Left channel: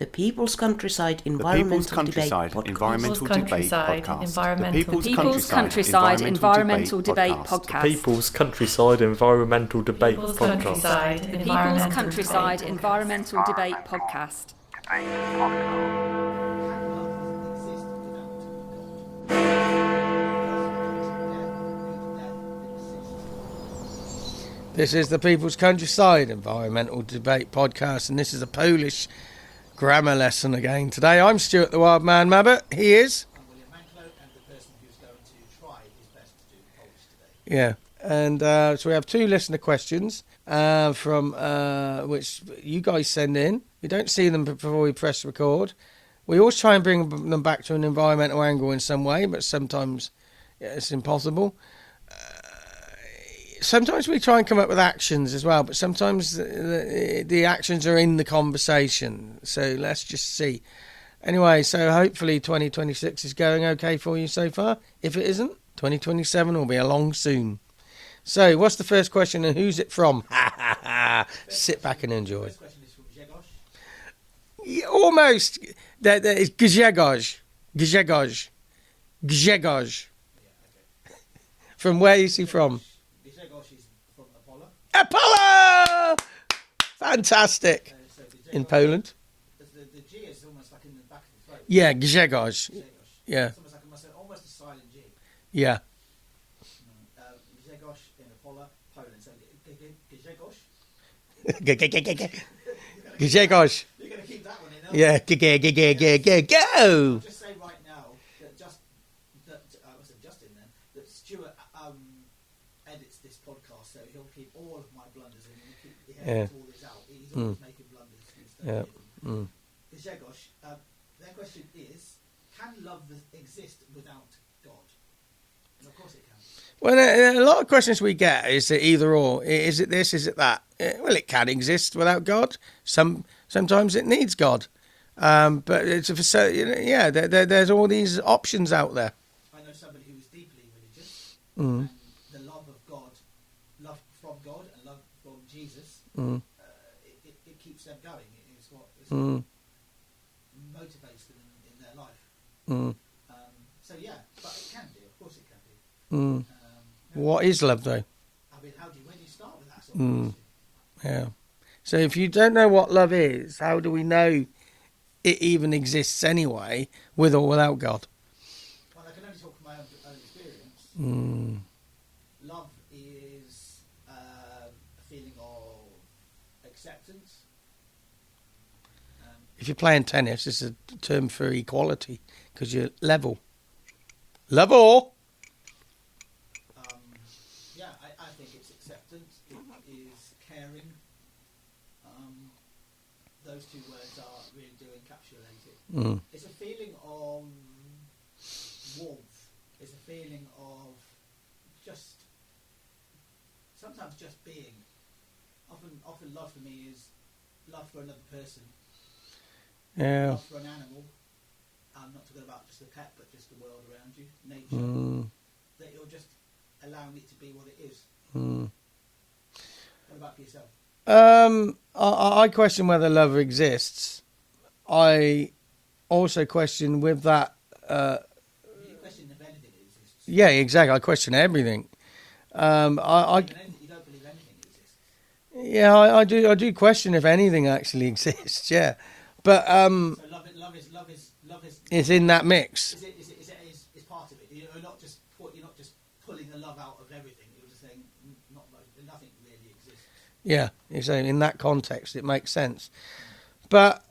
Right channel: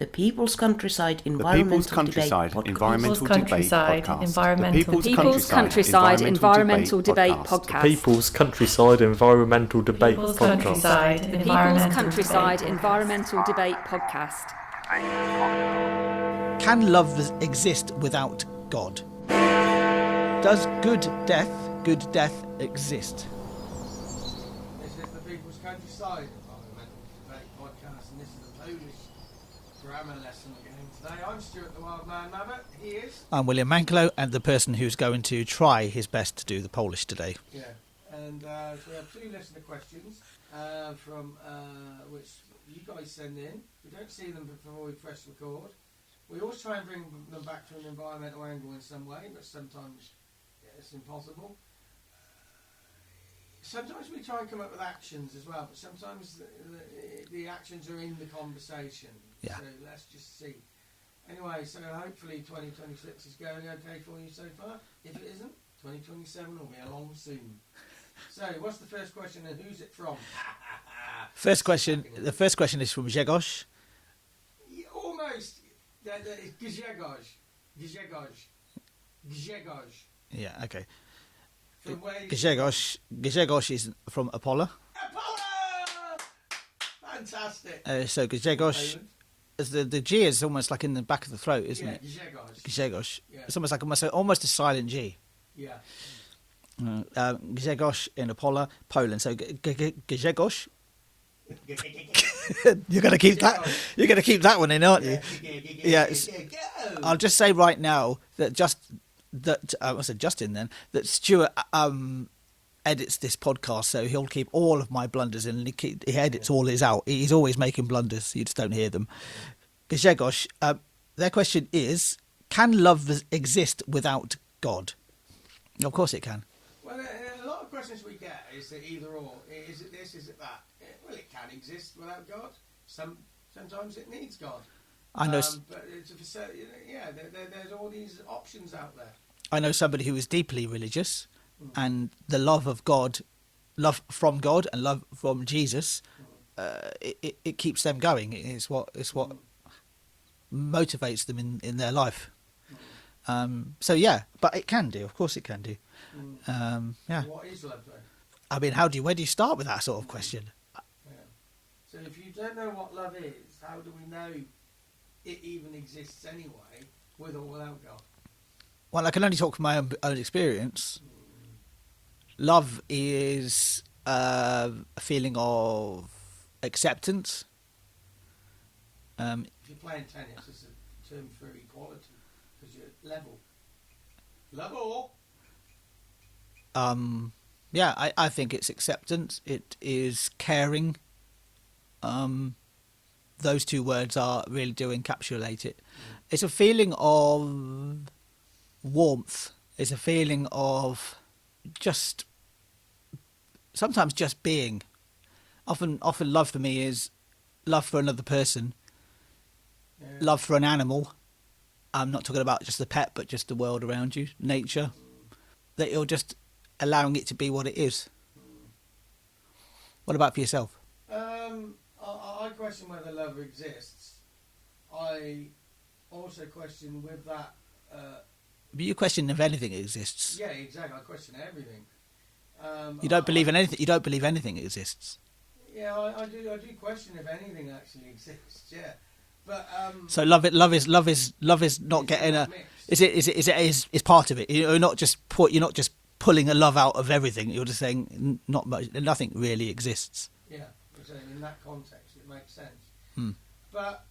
The People's Countryside The People's Environmental Countryside Debate Environmental Debate Podcast. The People's Countryside Environmental Debate Podcast. People's Countryside Environmental Debate Podcast. People's Countryside Environmental Debate Podcast. Can love exist without God? Does good death exist? This is the People's Countryside Environmental Debate Podcast, and this is a Polish grammar lesson again today. I'm Stuart the Wild Man Mabbott. He is. I'm William Manklow, and the person who's going to try his best to do the Polish today. Yeah, and so we have two listener questions from which you guys send in. We don't see them before we press record. We always try and bring them back to an environmental angle in some way, but sometimes it's impossible. Sometimes we try and come up with actions as well, but sometimes the actions are in the conversation. Yeah. So let's just see. Anyway, so hopefully 2026 is going okay for you so far. If it isn't, 2027 will be along soon. So what's the first question and who's it from? The first question is from Grzegorz. Yeah, almost. That is Grzegorz. Grzegorz. Yeah, okay. From where is he from? Grzegorz is from Opole. Opole! Fantastic. So Grzegorz. In Poland. The G is almost like in the back of the throat. Yeah, it? Grzegorz. Grzegorz. Yeah. It's almost like almost a silent G. Yeah. Grzegorz in Opole, Poland. So Grzegorz. You're gonna keep that. You're gonna keep that one in, aren't you? Go. I'll just say right now that that Stuart edits this podcast, so he'll keep all of my blunders in, and he edits all his out. He's always making blunders. You just don't hear them. Grzegorz, their question is: can love exist without God? Of course it can. Well, a lot of questions we get is it either or. Is it this? Is it that? Well, it can exist without God. Sometimes it needs God. But there's all these options out there. I know somebody who is deeply religious, and the love of God, love from God, and love from Jesus, it keeps them going. It's what motivates them in their life. So yeah, but it can do. Of course, it can do. Yeah. What is love, though? I mean, where do you start with that sort of question? Yeah. So if you don't know what love is, how do we know it even exists anyway, with or without God? Well, I can only talk from my own experience. Love is a feeling of acceptance. If you're playing tennis, it's a term for equality, because you're level. Level! Yeah, I think it's acceptance. It is caring. Those two words really do encapsulate it. It's a feeling of warmth. It's a feeling of sometimes just being. Often love for me is love for another person. Yeah. Love for an animal. I'm not talking about just the pet, but just the world around you, nature. That you're just allowing it to be what it is. What about for yourself? I question whether love exists. I also question with that. But you question if anything exists. Yeah, exactly. I question everything. You don't believe in anything. You don't believe anything exists. Yeah, I do. I do question if anything actually exists. Yeah, but so love is not. It's in that mix. Is part of it. You're not just pulling a love out of everything. You're just saying not much. Nothing really exists. Yeah, exactly. In that context, it makes sense. But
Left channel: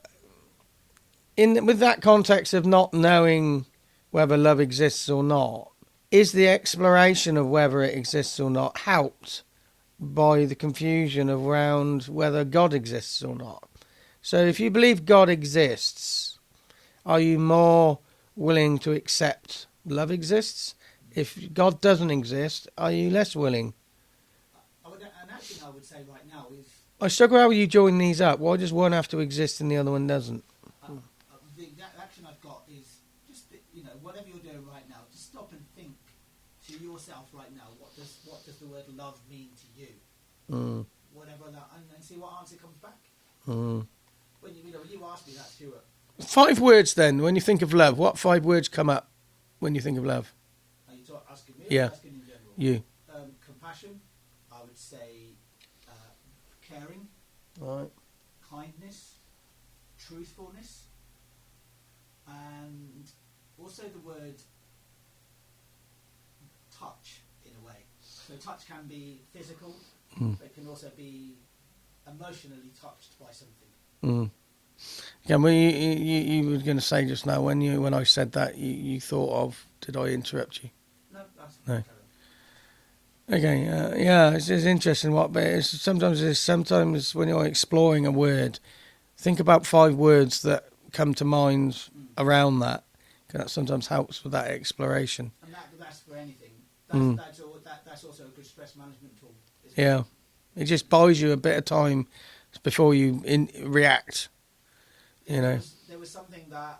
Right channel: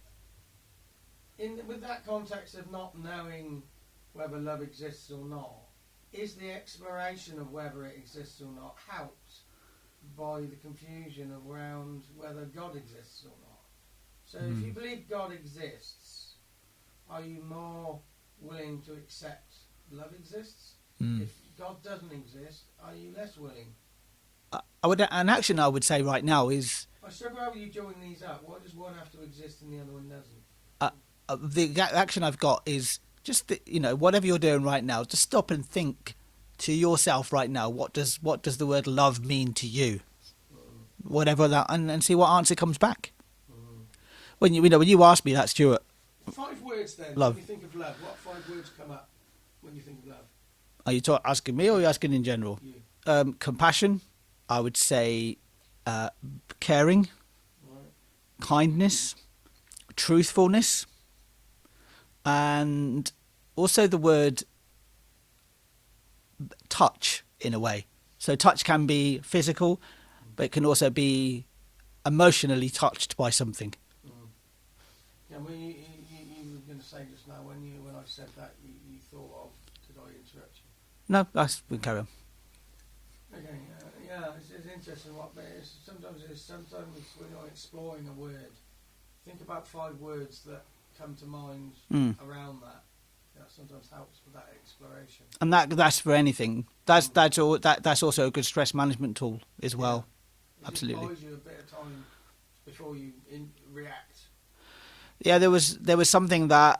with that context of not knowing whether love exists or not, is the exploration of whether it exists or not helped by the confusion around whether God exists or not? So if you believe God exists, are you more willing to accept love exists? If God doesn't exist, are you less willing? An action I would say right now is... I struggle how you join these up. Why does one have to exist and the other one doesn't? The action I've got is just, whatever you're doing right now, just stop and think to yourself right now, what does the word love mean to you? Whatever that, and see what answer comes back. When you asked me that, Stuart. 5 words then, Love. when you think of love. What 5 words come up when you think of love? Are you asking me or are you asking in general? You. Compassion, I would say caring, Right. kindness, truthfulness, and also the word touch in a way. So touch can be physical, but it can also be emotionally touched by something. Yeah, well, you were going to say just now when I said that you thought of. Did I interrupt you? No, that's carry on. Okay, it's interesting. Sometimes when you're exploring a word, think about 5 words that come to mind around that. That sometimes helps with that exploration. And that's for anything. That's also a good stress management tool as well. Yeah, it just buys you a bit of time before you react. Yeah, there was something that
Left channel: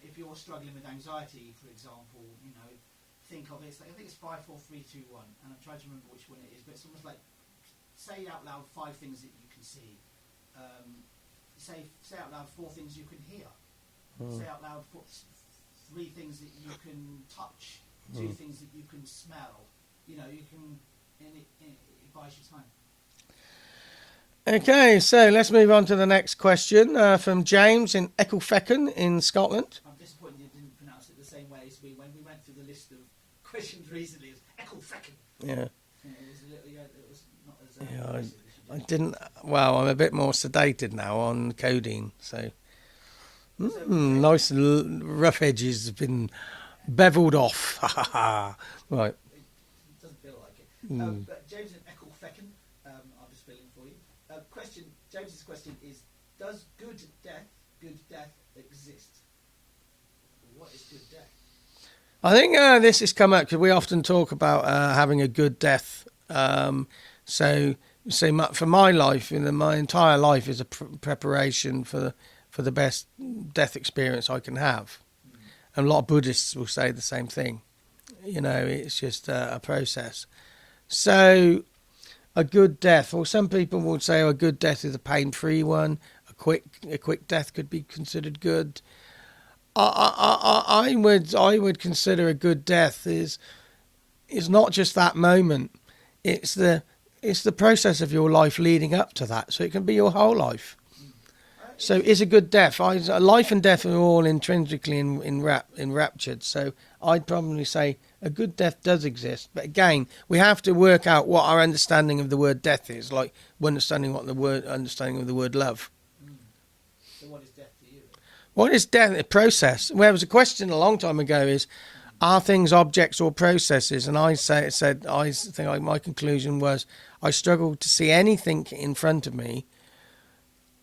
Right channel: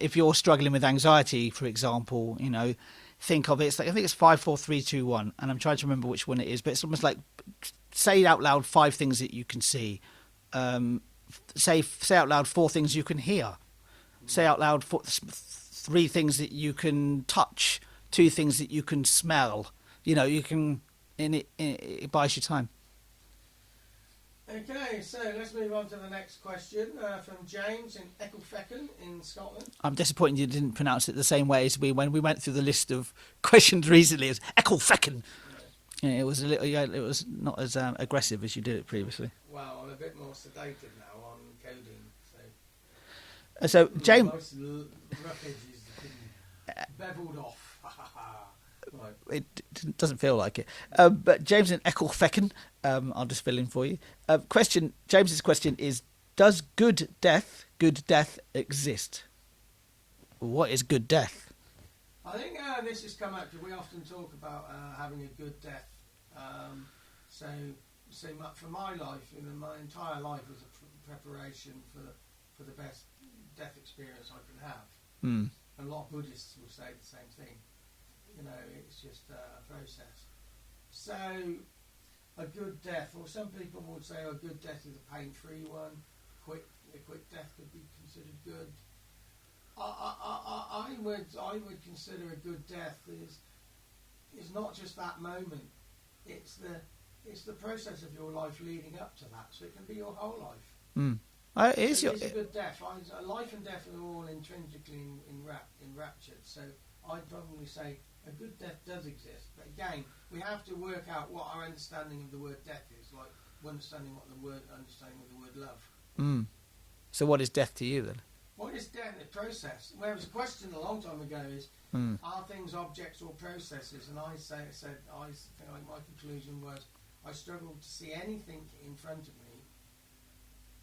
if you're struggling with anxiety, for example, think of it. It's like, I think it's 5, 4, 3, 2, 1, and I'm trying to remember which one it is. But it's almost like say out loud 5 things that you can see. Say out loud 4 things you can hear. Say out loud 3 things that you can touch. 2 things that you can smell. You can. It buys you time. Okay, so let's move on to the next question from James in Ecclefechan in Scotland. I'm disappointed you didn't pronounce it the same way as when we went through the list of questions recently. It's Ecclefechan. Yeah. It was a little. It was not as aggressive as you did. Well, I'm a bit more sedated now on codeine, so James, nice rough edges have been beveled off. Right. It doesn't feel like it. But James in Ecclefechan, I'll just fill in for you. James's question is: does good death exist? What is good death? I think this has come up because we often talk about having a good death. For my life, my entire life is a preparation for the best death experience I can have. And a lot of Buddhists will say the same thing. It's just a process. So a good death, or some people would say a good death is a pain-free one. A quick death could be considered good. I would consider a good death is not just that moment. It's the process of your life leading up to that. So it can be your whole life. It's a good death. Life and death are all intrinsically enraptured. So I'd probably say a good death does exist. But again, we have to work out what our understanding of the word death is, like understanding of the word love. So what is death to you then? What is death? A process. Well, there was a question a long time ago: are things objects or processes? And I think my conclusion was I struggled to see anything in front of me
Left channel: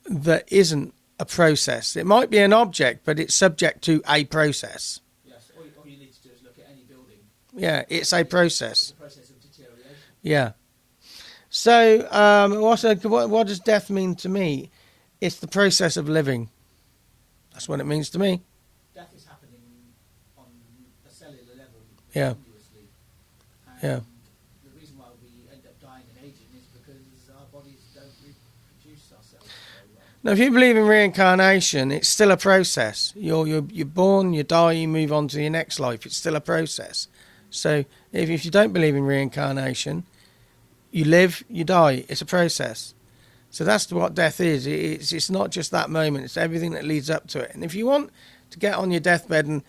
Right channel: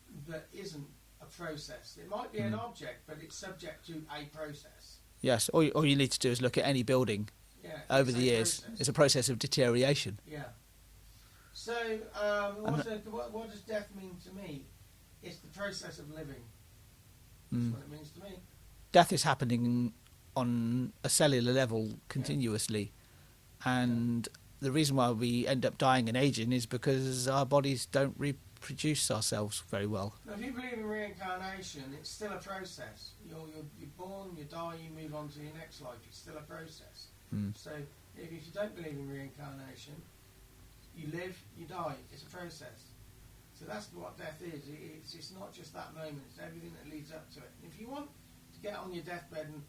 that isn't a process. It might be an object, but it's subject to a process. Yes. All you need to do is look at any building. Yeah, it's a process. It's a process of deterioration. Yeah. So, what does death mean to me? It's the process of living. That's what it means to me. Death is happening on a cellular level continuously. And the reason why we end up dying and aging is because our bodies don't reproduce ourselves very well. Now, if you believe in reincarnation, it's still a process. You're born, you die, you move on to your next life. It's still a process. So if you don't believe in reincarnation, you live, you die. It's a process. So that's what death is. It's not just that moment. It's everything that leads up to it. And if you want to get on your deathbed and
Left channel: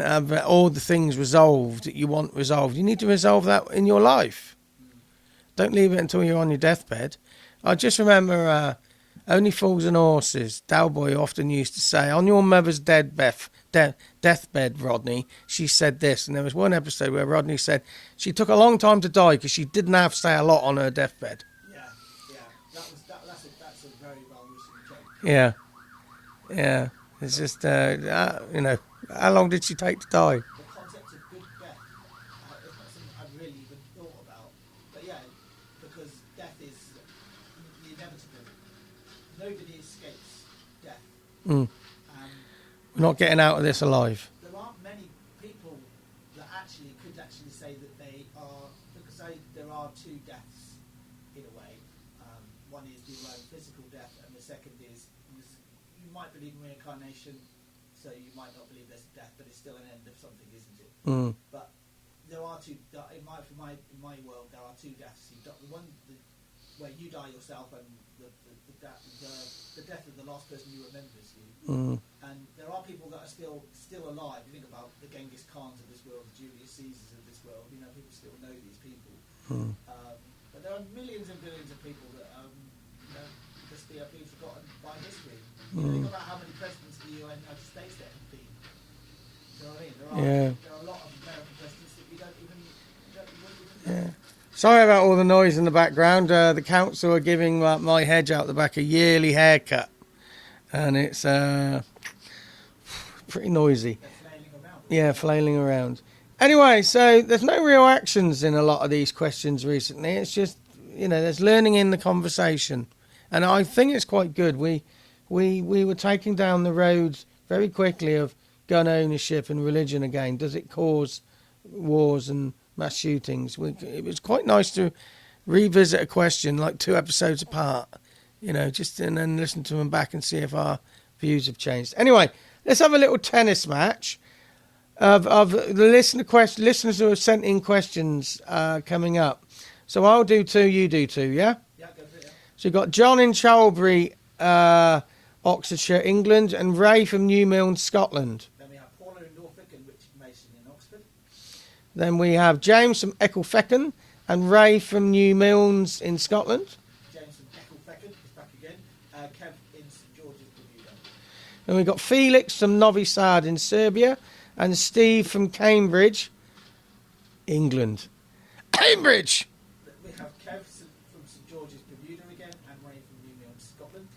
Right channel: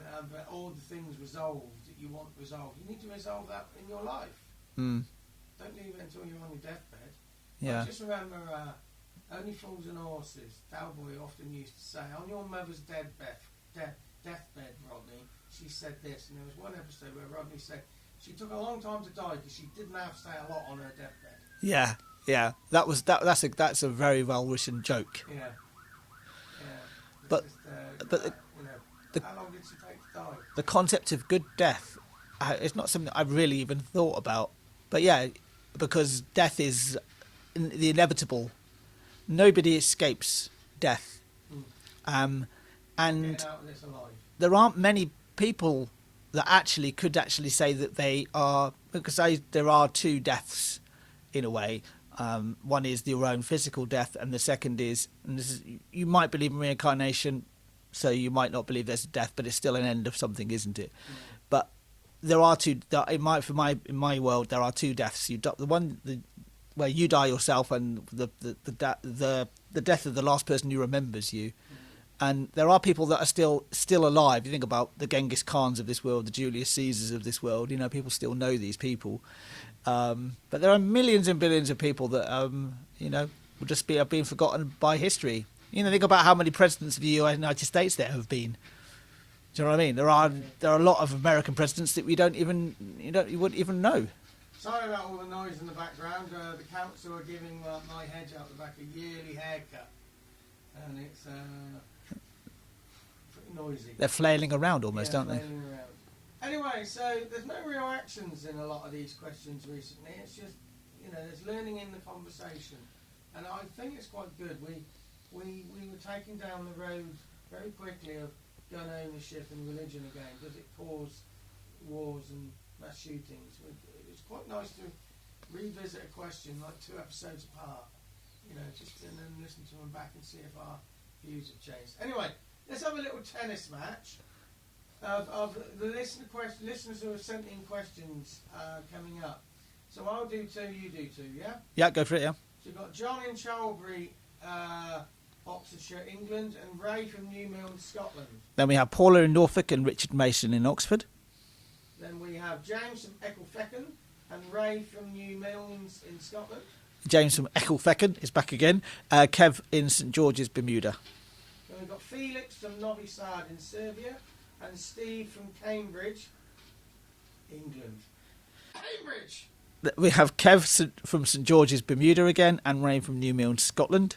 have all the things resolved that you want resolved, you need to resolve that in your life. Don't leave it until you're on your deathbed. I just remember Only Fools and Horses. Dalboy often used to say, on your mother's deathbed, Rodney, she said this. And there was one episode where Rodney said she took a long time to die because she didn't have to say a lot on her deathbed. Yeah. Yeah, that's a very well written joke. Yeah. It's just how long did she take to die? The concept of good death, it's not something I've really even thought about. But yeah, because death is the inevitable. Nobody escapes death. Not getting out of this alive. There aren't many people that could say that they are, because there are 2 deaths in a way. One is your own physical death, and the second is, and this is, you might believe in reincarnation, so you might not believe there's a death, but it's still an end of something, isn't it? But there are two. In my world, there are two deaths. Where you die yourself, and the death of the last person who remembers you. And there are people that are still alive. You think about the Genghis Khans of this world, the Julius Caesars of this world. You know, people still know these people. But there are millions and billions of people that will just have been forgotten by history. You know, think about how many presidents of the United States there have been. Do you know what I mean? There are a lot of American presidents that you wouldn't even know. Yeah. Sorry about all the noise in the background. The council are giving my hedge out the back a yearly haircut, and it's pretty noisy. They're flailing around almost. Yeah, flailing around. Anyway, so there's no real actions in a lot of these questions recently. It's just, there's learning in the conversation, and I think it's quite good. We were taking down the road very quickly of gun ownership and religion again. Does it cause wars and mass shootings? It was quite nice to revisit a question like 2 episodes apart, and then listen to them back and see if our views have changed. Anyway, let's have a little tennis match of the listeners who have sent in questions coming up. So I'll do 2, you do 2, yeah? Yeah, go for it, yeah. So you've got John in Chalbury, Oxfordshire, England, and Ray from New Milne, Scotland. Then we have Paula in Norfolk and Richard Mason in Oxford. Then we have James from Ecclefechan and Ray from New Milnes in Scotland. James from Ecclefechan is back again. Kev in St George's, Bermuda. And we've got Felix from Novi Sad in Serbia and Steve from Cambridge, England. Cambridge! We have Kev from St George's, Bermuda again, and Ray from New Milne, Scotland.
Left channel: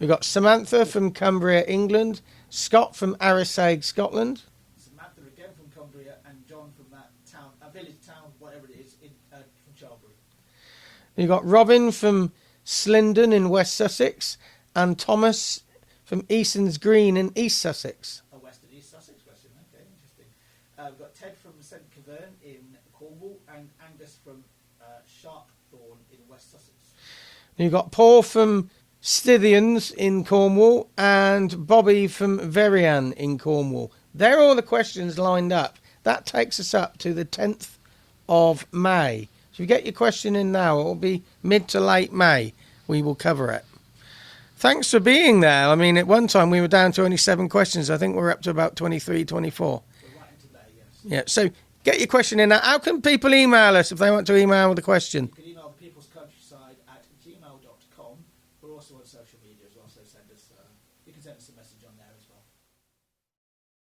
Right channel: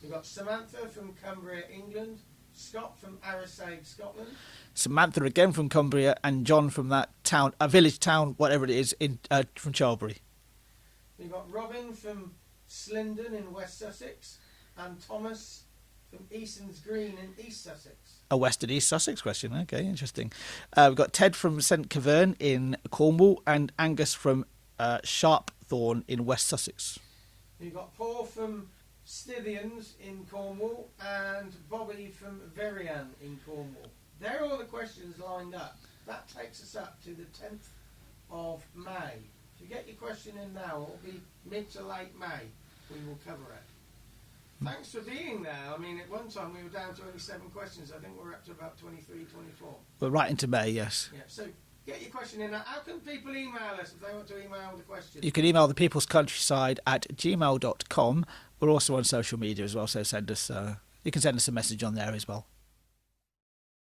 We've got Samantha from Cumbria, England, Scott from Arisaig, Scotland. Samantha again from Cumbria, and John from that town, a village town, whatever it is, from Chalbury. You've got Robin from Slindon in West Sussex, and Thomas from Eason's Green in East Sussex. A West and East Sussex question, okay, interesting. We've got Ted from St Keverne in Cornwall, and Angus from Sharpthorne in West Sussex. You've got Paul from Stithians in Cornwall, and Bobby from Verian in Cornwall. They're all the questions lined up. That takes us up to the 10th of May. So if you get your question in now, it will be mid to late May. We will cover it. Thanks for being there. I mean, at one time we were down to only 7 questions. I think we're up to about 23, 24. We're right into May, yes. Yeah, so get your question in now. How can people email us if they want to email with a question? You can email thepeoplescountryside@gmail.com. We're also on social media as well, so you can send us a message on there as well.